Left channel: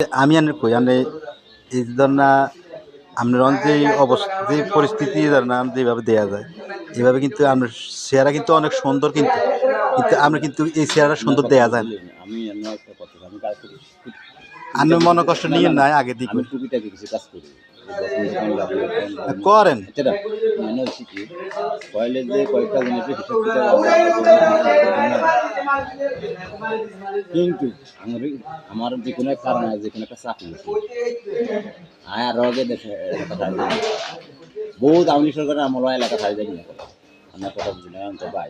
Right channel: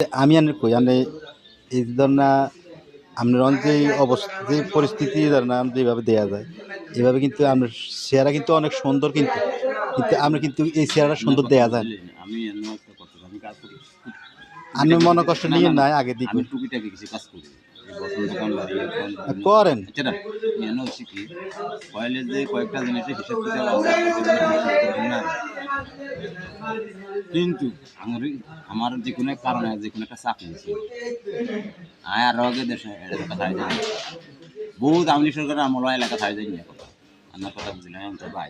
আমি আনে কই আনে এই ধরনা আপনার যে অবস্থা যে পরিস্থিতি ধরেন যেভাবে দেয়া যায় এভাবে কিন্তু আপনার চেহারা কিন্তু অনেক সুন্দর কিন্তু কিন্তু আমরা কিন্তু এই চেহারা আপনার সুন্দর কথা দেয়া যায় না। বুঝলেন? আমি অন্য একটা কথা আমি কাজ করি। আপনি টুকিটাকি মনে কিছু কষ্ট না, নিয়ে না, না। নাই আগে দিক আমি টুকিটাকি কিছু কাজ করি। এই বছর দোকানদারি, বিভিন্ন করেন। এছাড়া যেন হচ্ছে কি কয়েলের যে কয়েকটা জিনিসের হিসাব কিতাব আছে কিন্তু আমার আমার যে কোনো এক কারণে যে কোনো একটা চাকরি আছে আয় আরো আগে দেশে এলাকা ছাড়ি যাই বহুত আওয়ামী সরকারের আমল এলাকা ছাড়ি যাই না আমার কথা বুঝলেন আমি তো ভাই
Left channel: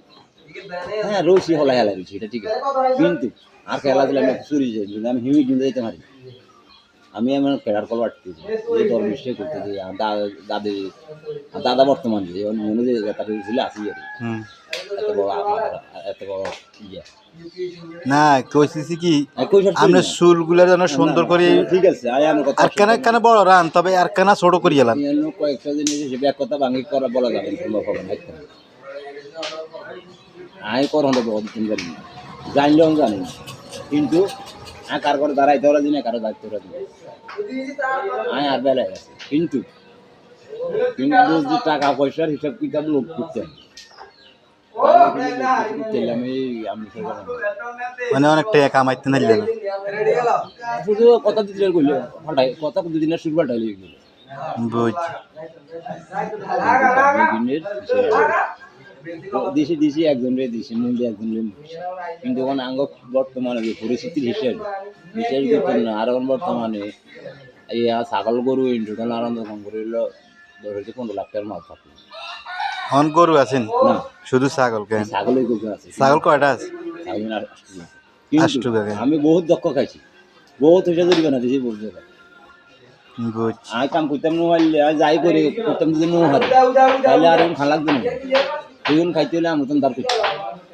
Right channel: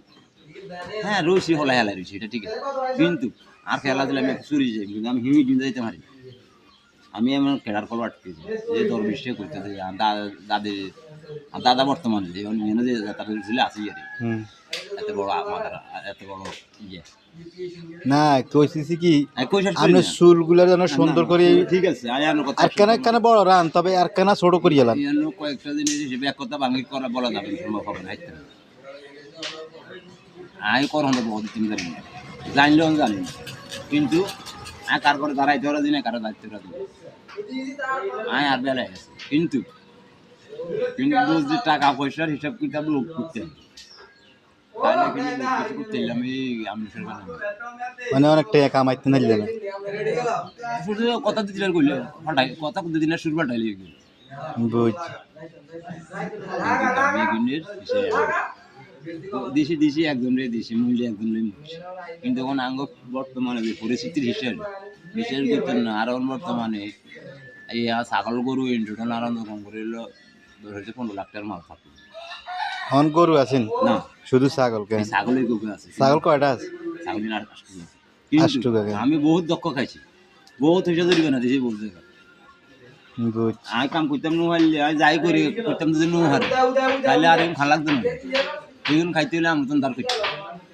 হ্যাঁ রয়েছি হলা হেলা রয়েছি এটা ঠিক আছে কিন্তু আর খেলা দিলে আমি চুরি যাই কিন্তু আমি হিমি কিন্তু যেতে পারি আমি এমন খেলার কল আটকেছি যে দরবেশে করতেছি দাদি দাদা বর্তমান যে মেনে যে তাদের ছিল আসি আর এত বড় আমাদের এত বড় ইয়ে না কইছি কি কইসার আপনি চুলগুলা যেন সুন্দর করে ঠিক আছে আয়ানো কথা আর কেন বড় রান তবে আর কেন ছোট করি এলাম ইয়ানো কয়েকটা জিনিস হিসেবে এক কথা ভাঙি করা বলা যাবে না সম্ভব হবে না আইতে আই কর হলো বহুত দিন জানি জানলেও জানি না কিন্তু আয় কার করে দাঁড়াইতে ওরা দিনে কারো দায়িত্ব ওরা দিনে আয় আর বেলায় আছে কিন্তু কিন্তু যে টাকা পয়সার হিসাব কিতাব লোক করতে হবে মানে অনেক টাকা কামাইতে নাইলে না শুধু কথা দিতে কইলে ফাটাই কথা দুদিনের শুরু ফাটাইলে বুঝছি দিছি দিছি একজনরে দিছি মূল্য একজনরে কিন্তু এখন আঙ্গ বর্তমানে যে পরিস্থিতির হিসেবে বিশেষ করতে না আর এখন বর্তমানে এই ছাগল গরু টোটাল আনন্দ কম করে 10-15 লাখ টাকার মাল থাকে হন গরু আছেন না শুধু ছাগল কেন ছাগলের গরু আছে ছাগল কয়টা আছে ছাগল না আষ্টু কিন্তু আমি বহুত দক্ষ খাইছি বহুত হিসাব দিবে না দিছি বলতে বুঝছি আমি কাম করতাম নোহাইলে আমি যাই করে করতাম যদি নোহার তাহলে আর এখন খান লাগতো না এখন খাইতে হলে আমি নতুন দাঁড় করছি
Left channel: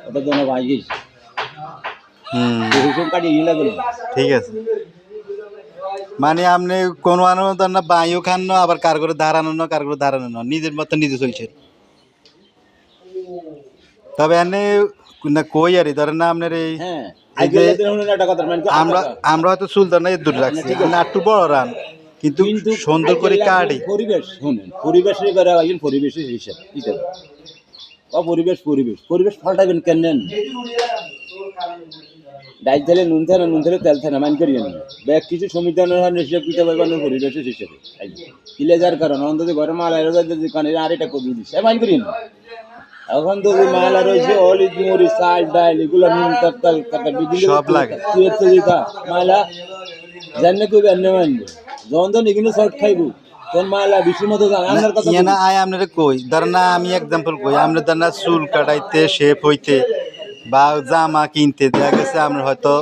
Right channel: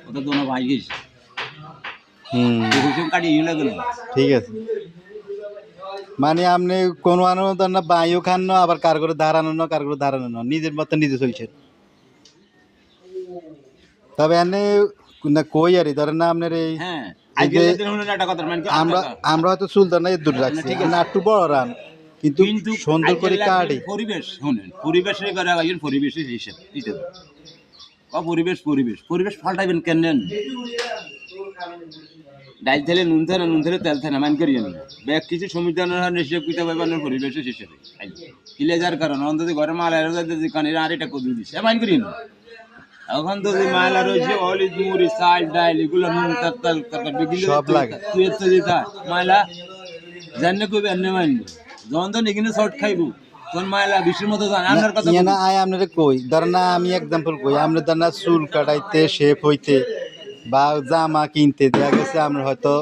ওটা দোনো ভাই গেছি হিসাব কাটিয়ে লাগলো ঠিক আছে মানে আপনি কোনো আনন্দ না বাইও খান না আবার কার করে দাঁড়ানো না কার করে দাঁড়ানো না নিজের মতো নিজে চলছে তবে এনে না কই আর ধরেন না আপনার এই হ্যাঁ আমরা আমরা হয়তো সুলতান না দূর রাখছি না একটু বড় রান কিন্তু সুন্দর করে কাটি পরিবেশ শুনেন পরিবেশের করে একজন পরিবেশের হিসাব হিসাব পরিবেশ পরিবেশ পরিবেশ পাল্টাইবেন কেন ডাইল তেলে নুন তেলে তেল থাকে না মান করিয়ে না ব্যাগ কিছু সংবিধানের হিসাব কিতাব পরিবেশের হিসাবে কিলে যার কারণ অন্তত ঘরে মাল কানে আর এটা করে দিচ্ছে মান করিয়ে না এখন তো যে মালা রয়েছে অলি মরি চাল ডাইল এগুলো নুন তাল সব লাগে তুই তো দিতা মালা জানলে কইবে এনে মানবে যখন তো এখানে শর্ট খাইবো তখন মালা বিশ্বের মতো জানে আমার কথা না আয় আপনারা কই ধরেন না আমি এক্সাম্পল কই আমরা ধরেন না চুল কাটাইতে শেপ হইতে বা জামা কিনতে দেখা গেছে আমরা হয়তো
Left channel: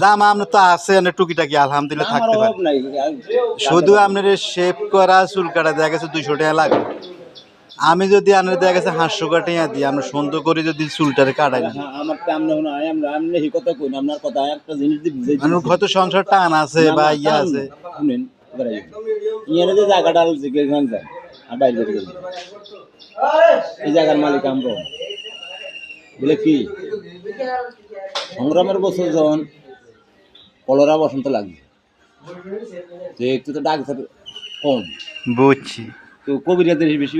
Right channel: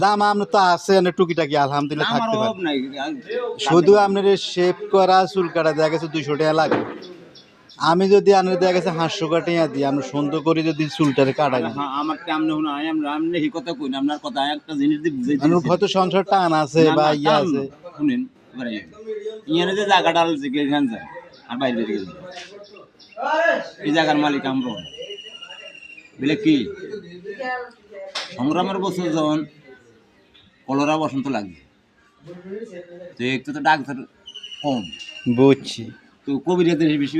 জামা আপনার তো আছে আপনার টুকিটাকি আলহামদুলিল্লাহ থাকতে পারে শুধু আপনার শেপ করা চুল কাটা দেখা গেছে 200 টাকা লাগে আমি যদি আপনার দেখা গেছে 500 টাকা দিই আমরা সুন্দর করে যদি চুলটারে কাটাই না আমার কামনা হলো আমরা এই কথা কই না আপনার কথা একটা জিনিস দিয়ে বুঝাই মানে হয়তো সংসার টান আছে বা ইয়ে আছে শুনেন এবারে ইয়ারে যে জায়গাটা আছে কেখান যায় আর বাইরে বেরিয়ে গেল এই জায়গার মালিক আমরা বলে কি সংগ্রামের বছর যখন কলরা বসন্ত লাগছে তো একটু তো ডাক্তার কম বুঝছি তো কবিরাদের বেশি